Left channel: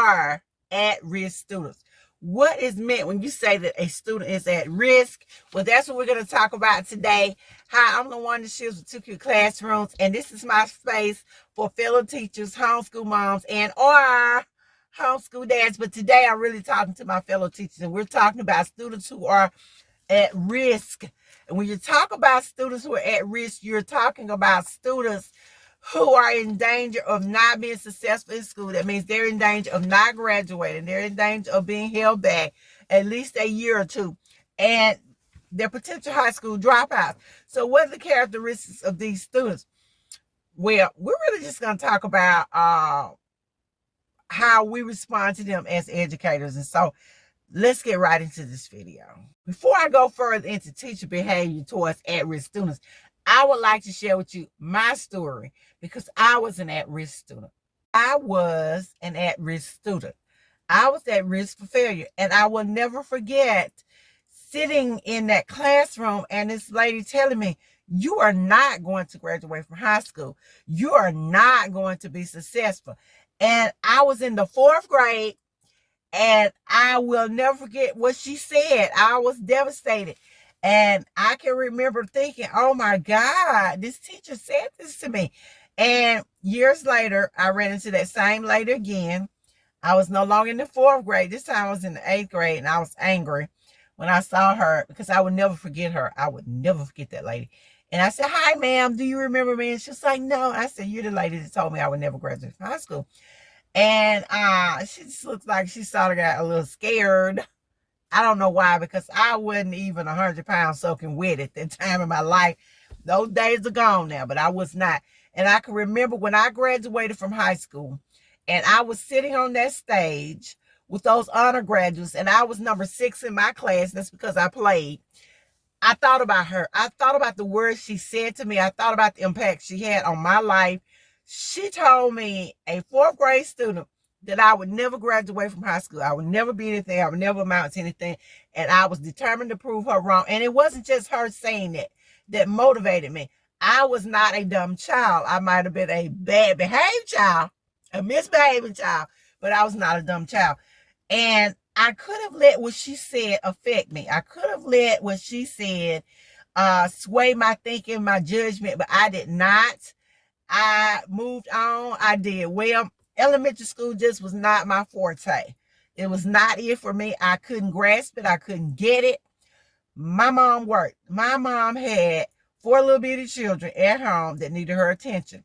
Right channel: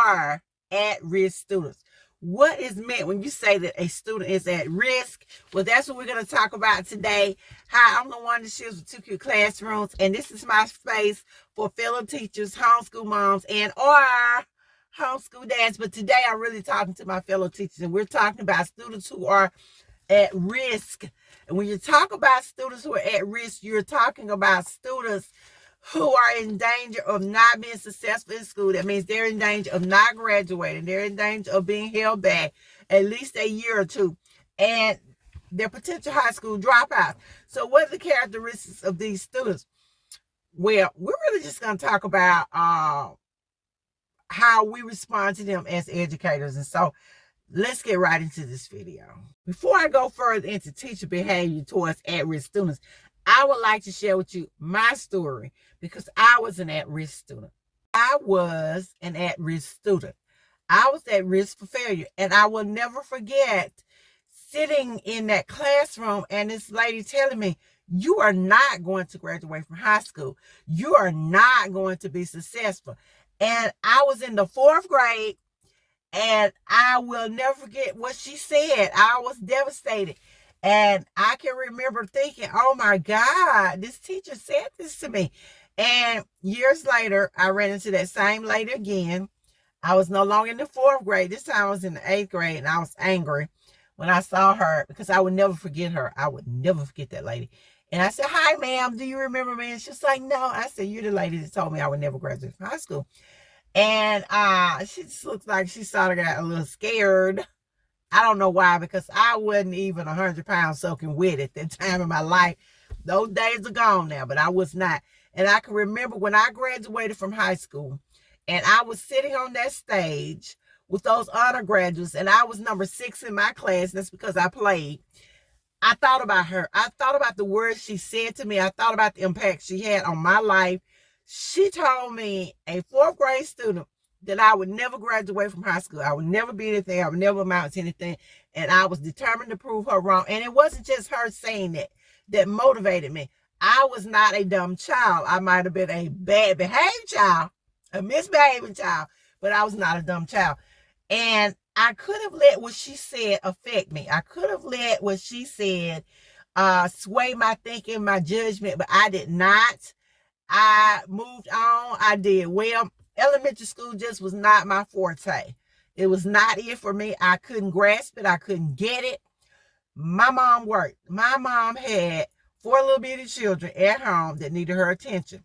are at-risk students. What is meant when you say that a student is at risk? Well, that's what we're going to talk about today. Hi, I'm LaWanda Shields with 2 Cute Classrooms, and this is my space for fellow teachers, homeschool moms, and or homeschool dads. But today I'm really talking to my fellow teachers, and we're talking about students who are at risk. And when you talk about students who are at risk, you're talking about students who are in danger of not being successful in school. That means they're in danger of not graduating. They're in danger of being held back at least a year or two. And they're potential high school dropouts. So what are the characteristics of these students? Well, we're really just going to talk about how we respond to them as educators. And so let's get right into this video. Before I go further into teacher behavior towards at-risk students, I would like to share with you my story because I was an at-risk student. I was an at-risk student. I was at risk for failure, and I will never forget sitting in that classroom and this lady telling me, you are not going to graduate from high school. You are not going to be successful. And I was in the 4th grade, and I will never forget what she said. I was devastated. And I can remember thinking, oh my God, this teacher said this to me. And years later, I ran into that same lady again. I was no longer in the 4th grade. This time I was in the 8th grade, and I was angry when I saw her because I would never forget her. I would never forget that lady. And I said, hi, ma'am, do you remember me? And she was like, no. I said, you're the lady that told me I would never graduate from high school. And she just looked like she sort of got a little scared. I don't know why, because I wasn't even 100 pounds soaking wet at that time in my life. Those days are gone now, but I was not. And I can remember when I graduated from high school, and I was sitting on that stage with those honor graduates, and I was number 6 in my class. That's because I played. I thought about her. I thought about the words she said to me. I thought about the impact she had on my life. She told me, a 4th grade student, that I would never graduate from high school. I would never be anything. I would never amount to anything. And I was determined to prove her wrong. And it wasn't just her saying that motivated me. I was not a dumb child. I might have been a bad behaved child, a misbehaving child, but I was not a dumb child. And I could have let what she said affect me. I could have let what she said sway my thinking, my judgment, but I did not. I moved on. I did well. Elementary school just was not my forte. It was not it for me. I couldn't grasp it. I couldn't get it. My mom worked. My mom had 4 little bitty children at home that needed her attention.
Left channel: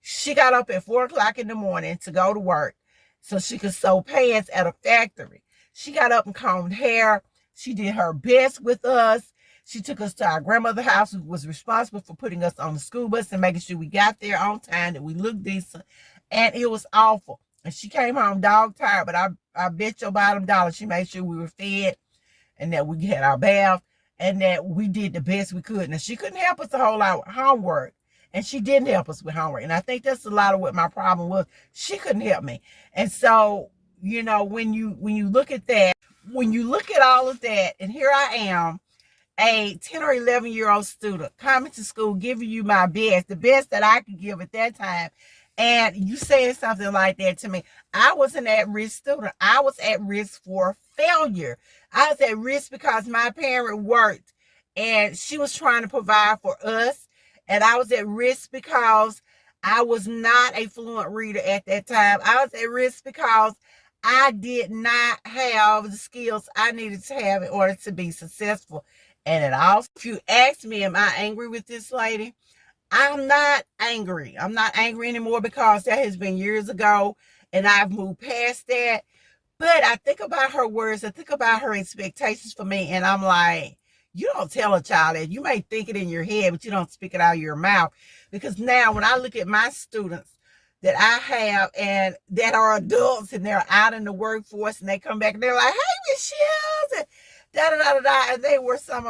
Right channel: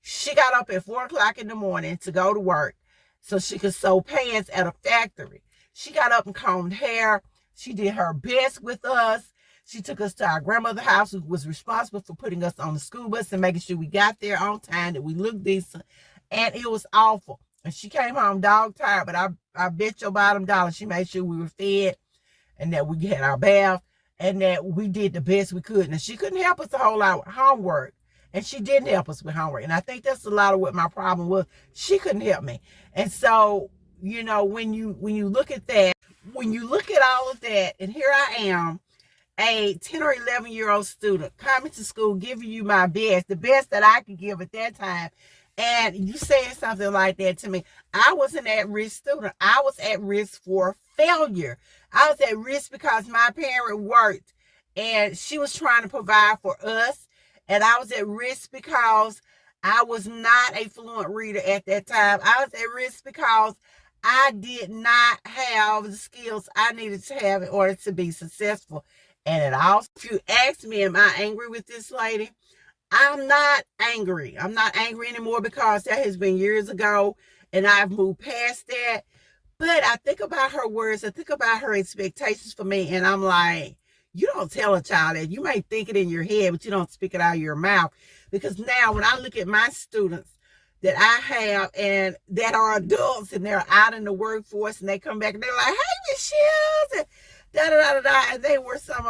She got up at 4 o'clock in the morning to go to work so she could sew pants at a factory. She got up and combed hair. She did her best with us. She took us to our grandmother's house, who was responsible for putting us on the school bus and making sure we got there on time, that we looked decent. And it was awful. And she came home dog tired, but I bet your bottom dollar she made sure we were fed and that we had our bath and that we did the best we could. Now, she couldn't help us a whole lot with homework, and she didn't help us with homework. And I think that's a lot of what my problem was. She couldn't help me. And so, you know, when you look at that, when you look at all of that, and here I am, a 10 or 11-year-old student coming to school, giving you my best, the best that I could give at that time. And you saying something like that to me. I was an at-risk student. I was at risk for failure. I was at risk because my parent worked and she was trying to provide for us. And I was at risk because I was not a fluent reader at that time. I was at risk because I did not have the skills I needed to have in order to be successful. And it also, if you ask me, am I angry with this lady? I'm not angry. I'm not angry anymore because that has been years ago and I've moved past that. But I think about her words. I think about her expectations for me. And I'm like, you don't tell a child that. You may think it in your head, but you don't speak it out of your mouth. Because now when I look at my students that I have and that are adults and they're out in the workforce and they come back and they're like, hey, Miss Shields, and da-da-da-da-da. And they were some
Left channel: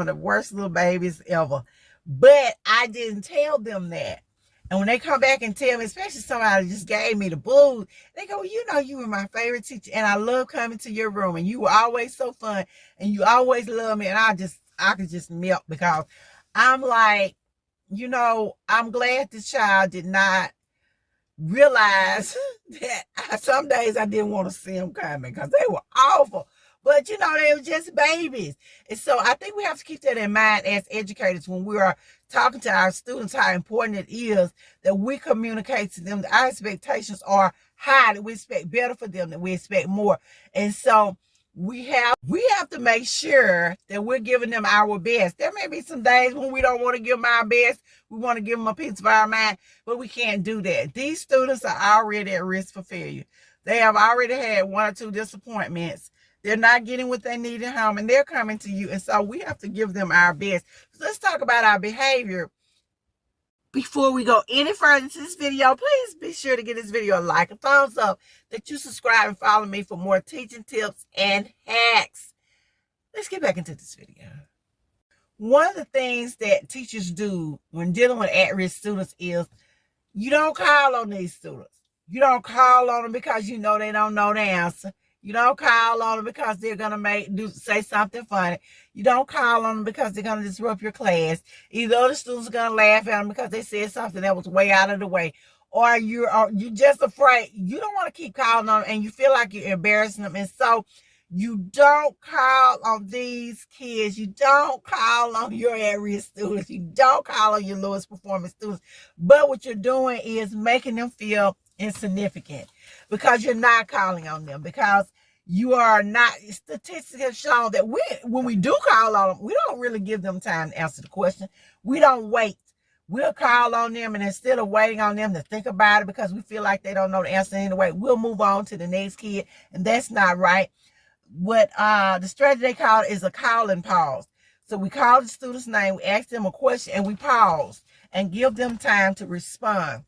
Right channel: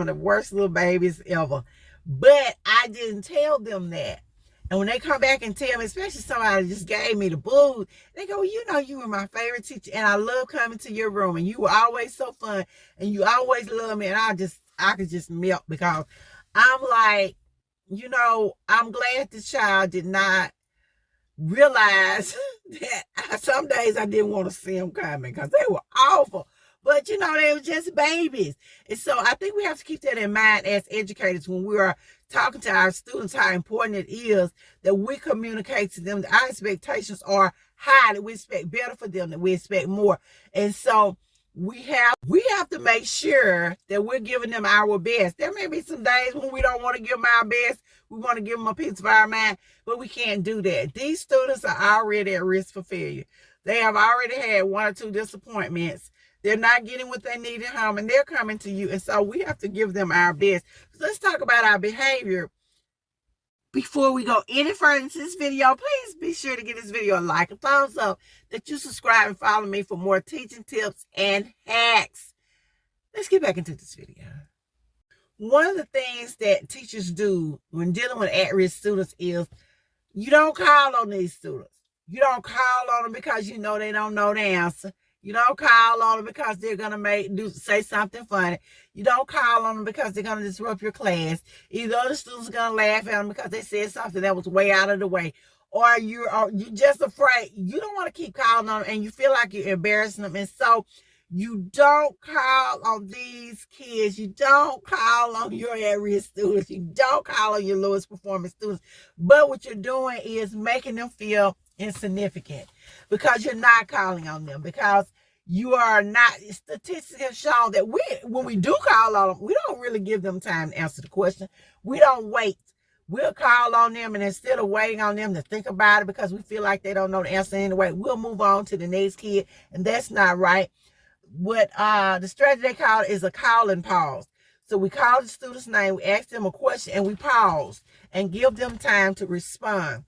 of the worst little babies ever. But I didn't tell them that. And when they come back and tell me, especially somebody that just gave me the blues, they go, well, you know, you were my favorite teacher and I love coming to your room and you were always so fun and you always loved me. And I could just melt because I'm like, you know, I'm glad the child did not realized that some days I didn't want to see them coming because they were awful. But you know, they were just babies. And so I think we have to keep that in mind as educators when we are talking to our students, how important it is that we communicate to them that our expectations are high, that we expect better for them, that we expect more. And so we have to make sure that we're giving them our best. There may be some days when we don't want to give them our best. We want to give them a piece of our mind, but we can't do that. These students are already at risk for failure. They have already had 1 or 2 disappointments. They're not getting what they need at home, and they're coming to you. And so we have to give them our best. So let's talk about our behavior. Before we go any further into this video, please be sure to give this video a like, a thumbs up, that you subscribe and follow me for more teaching tips and hacks. Let's get back into this video. One of the things that teachers do when dealing with at-risk students is you don't call on these students. You don't call on them because you know they don't know the answer. You don't call on them because they're going to say something funny. You don't call on them because they're going to disrupt your class. Either the students are going to laugh at them because they said something that was way out of the way. Or you're just afraid. You don't want to keep calling on them and you feel like you're embarrassing them. And so you don't call on these kids. You don't call on your at-risk students. You don't call on your lowest performing students. But what you're doing is making them feel insignificant because you're not calling on them, because you are not. Statistics have shown that when we do call on them, we don't really give them time to answer the question. We don't wait. We'll call on them, and instead of waiting on them to think about it because we feel like they don't know the answer anyway, we'll move on to the next kid, and that's not right. What the strategy they call it is a call and pause. So we call the student's name, we ask them a question, and we pause and give them time to respond.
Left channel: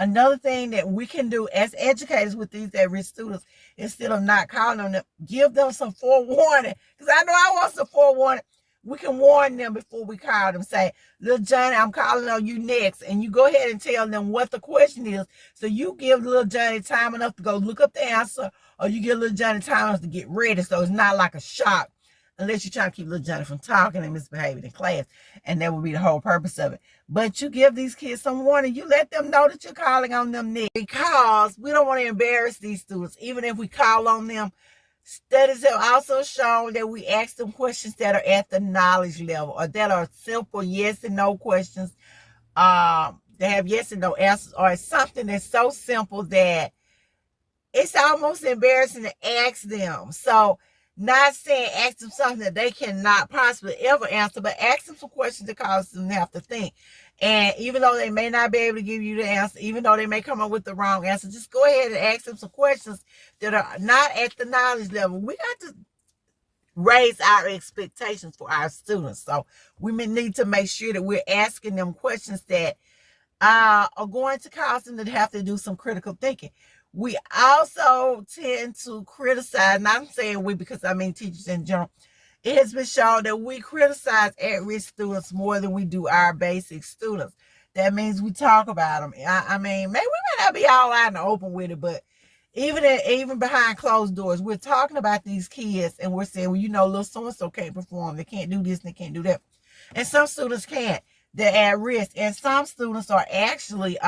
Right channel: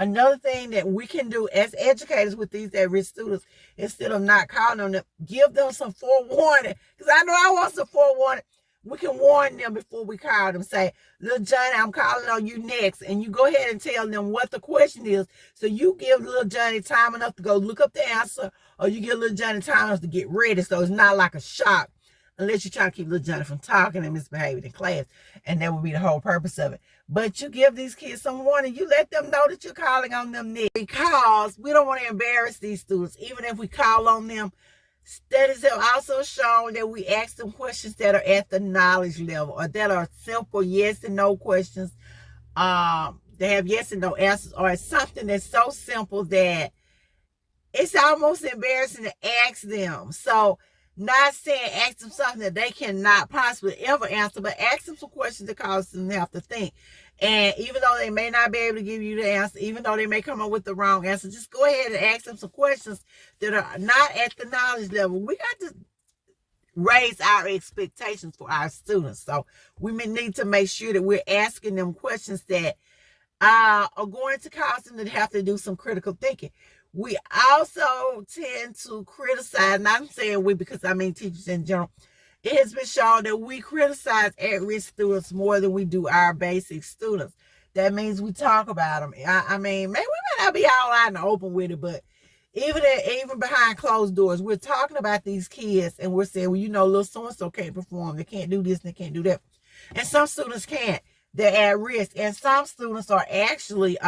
Another thing that we can do as educators with these at-risk students, instead of not calling on them, give them some forewarning. Because I know I want some forewarning. We can warn them before we call them. Say, little Johnny, I'm calling on you next. And you go ahead and tell them what the question is. So you give little Johnny time enough to go look up the answer, or you give little Johnny time enough to get ready. So it's not like a shock, unless you're trying to keep little Johnny from talking and misbehaving in class. And that would be the whole purpose of it. But you give these kids some warning. You let them know that you're calling on them next, because we don't want to embarrass these students. Even if we call on them, studies have also shown that we ask them questions that are at the knowledge level, or that are simple yes and no questions. They have yes and no answers, or it's something that's so simple that it's almost embarrassing to ask them. So not saying ask them something that they cannot possibly ever answer, but ask them some questions that cause them to have to think. And even though they may not be able to give you the answer, even though they may come up with the wrong answer, just go ahead and ask them some questions that are not at the knowledge level. We got to raise our expectations for our students. So we may need to make sure that we're asking them questions that are going to cause them to have to do some critical thinking. We also tend to criticize, and I'm saying we because I mean teachers in general. It has been shown that we criticize at-risk students more than we do our basic students. That means we talk about them. I mean, maybe we might not be all out in the open with it, but even behind closed doors, we're talking about these kids and we're saying, well, you know, little so-and-so can't perform. They can't do this and they can't do that. And some students can't. They're at risk. And some students are actually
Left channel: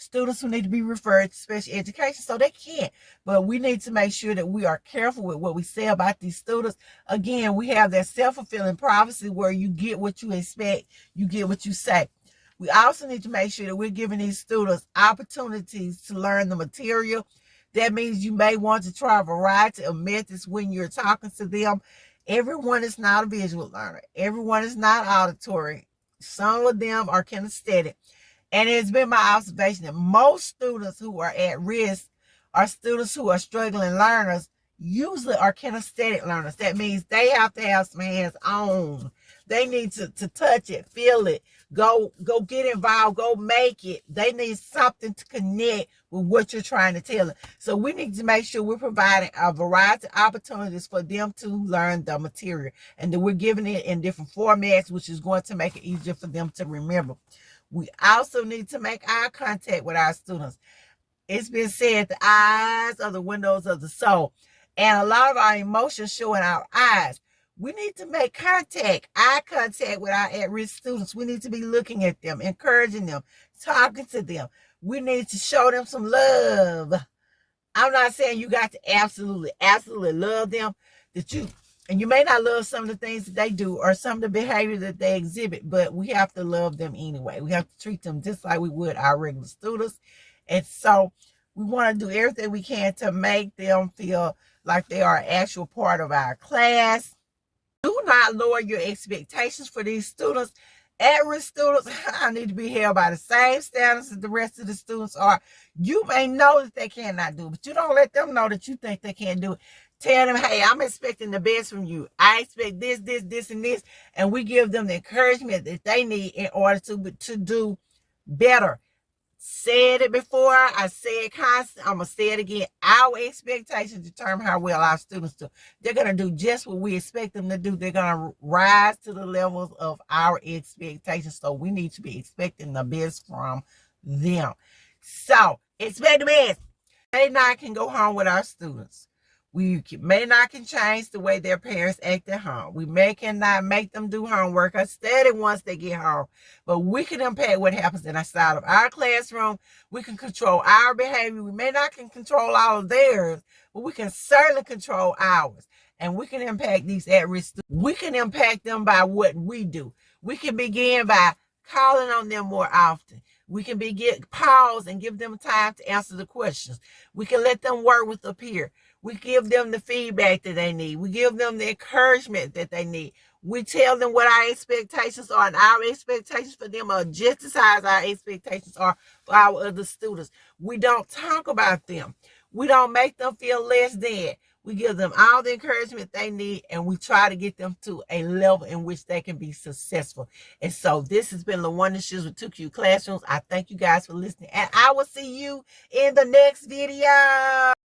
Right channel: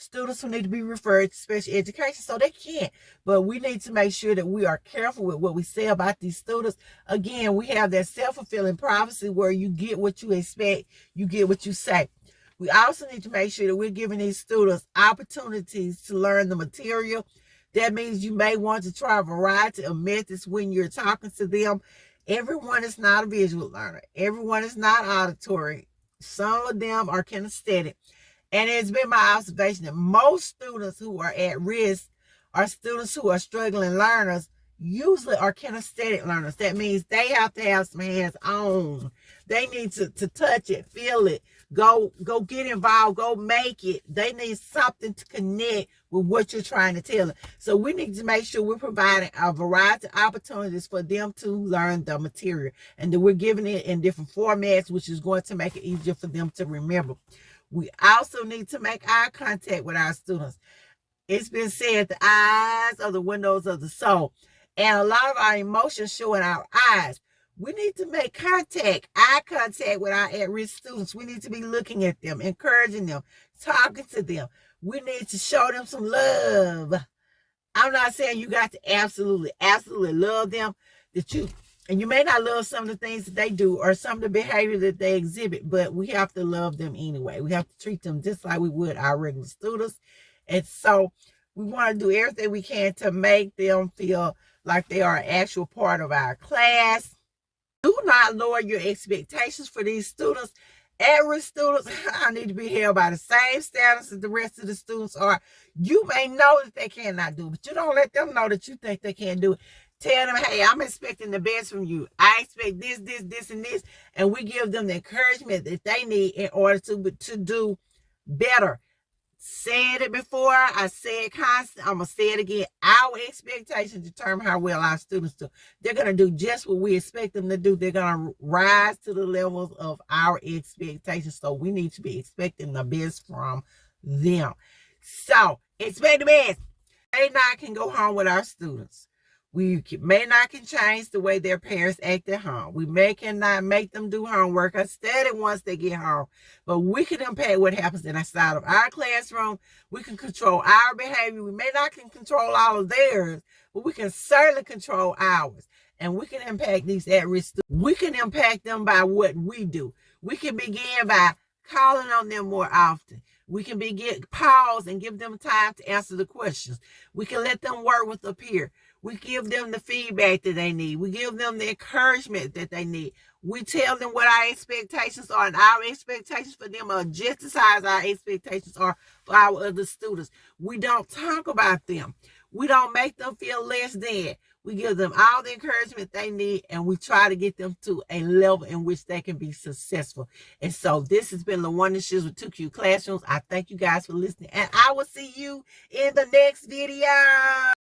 students who need to be referred to special education, so they can't. But we need to make sure that we are careful with what we say about these students. Again, we have that self-fulfilling prophecy where you get what you expect, you get what you say. We also need to make sure that we're giving these students opportunities to learn the material. That means you may want to try a variety of methods when you're talking to them. Everyone is not a visual learner. Everyone is not auditory. Some of them are kinesthetic. And it's been my observation that most students who are at risk are students who are struggling learners, usually are kinesthetic learners. That means they have to have some hands on. They need to touch it, feel it, go get involved, go make it. They need something to connect with what you're trying to tell them. So we need to make sure we're providing a variety of opportunities for them to learn the material, and that we're giving it in different formats, which is going to make it easier for them to remember. We also need to make eye contact with our students. It's been said the eyes are the windows of the soul, and a lot of our emotions show in our eyes. We need to make eye contact with our at-risk students. We need to be looking at them, encouraging them, talking to them. We need to show them some love. I'm not saying you got to absolutely love them, and you may not love some of the things that they do or some of the behavior that they exhibit, but we have to love them anyway. We have to treat them just like we would our regular students. And so we want to do everything we can to make them feel like they are an actual part of our class. Do not lower your expectations for these students. At-risk students I need to be held by the same standards as the rest of the students are. You may know that they cannot do it, but you don't let them know that you think they can't do it. Tell them, hey, I'm expecting the best from you. I expect this, and this. And we give them the encouragement that they need in order to do better. Said it before, I say it constantly, I'm going to say it again. Our expectations determine how well our students do. They're going to do just what we expect them to do. They're going to rise to the levels of our expectations. So we need to be expecting the best from them. So expect the best. They not can go home with our students. We may not can change the way their parents act at home. We cannot make them do homework or study once they get home. But we can impact what happens inside of our classroom. We can control our behavior. We may not can control all of theirs, but we can certainly control ours. And we can impact these at-risk students. We can impact them by what we do. We can begin by calling on them more often. We can pause and give them time to answer the questions. We can let them work with a peer. We give them the feedback that they need. We give them the encouragement that they need. We tell them what our expectations are, and our expectations for them are just as high as our expectations are for our other students. We don't talk about them. We don't make them feel less than. We give them all the encouragement they need, and we try to get them to a level in which they can be successful. And so this has been LaWanda Shields with 2Q Classrooms. I thank you guys for listening, and I will see you in the next video.